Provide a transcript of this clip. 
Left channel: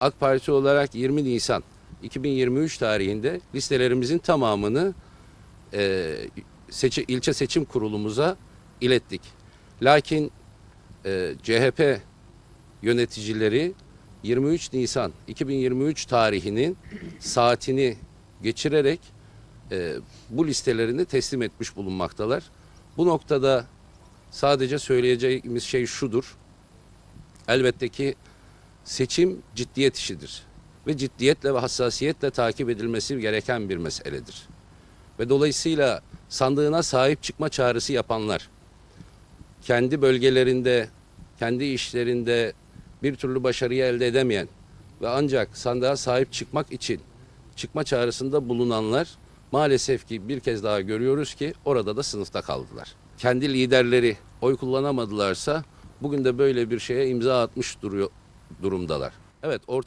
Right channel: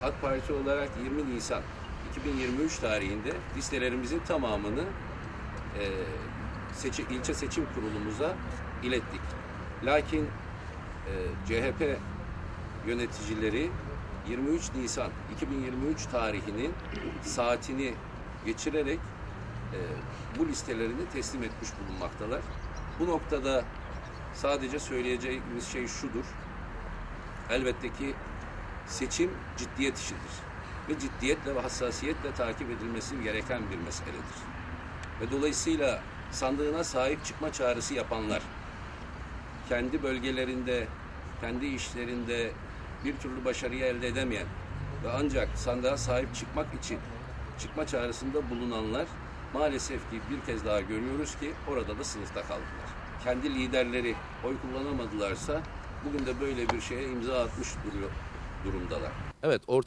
AK Parti olarak 20 Nisan 2023 tarihinde listelerimizin tamamını e, seçi, ilçe seçim kurulumuza ilettik. Lakin e, CHP yöneticileri 23 Nisan 2023 tarihinin saatini geçirerek e, bu listelerini teslim etmiş bulunmaktalar. Bu noktada sadece söyleyeceğimiz şey şudur. Elbette ki seçim ciddiyet işidir ve ciddiyetle ve hassasiyetle takip edilmesi gereken bir meseledir. Ve dolayısıyla sandığına sahip çıkma çağrısı yapanlar, kendi bölgelerinde, kendi işlerinde bir türlü başarıyı elde edemeyen ve ancak sandığa sahip çıkmak için çıkma çağrısında bulunanlar maalesef ki bir kez daha görüyoruz ki orada da sınıfta kaldılar. Kendi liderleri oy kullanamadılarsa bugün de böyle bir şeye imza atmış duruyor durumdalar. Evet orta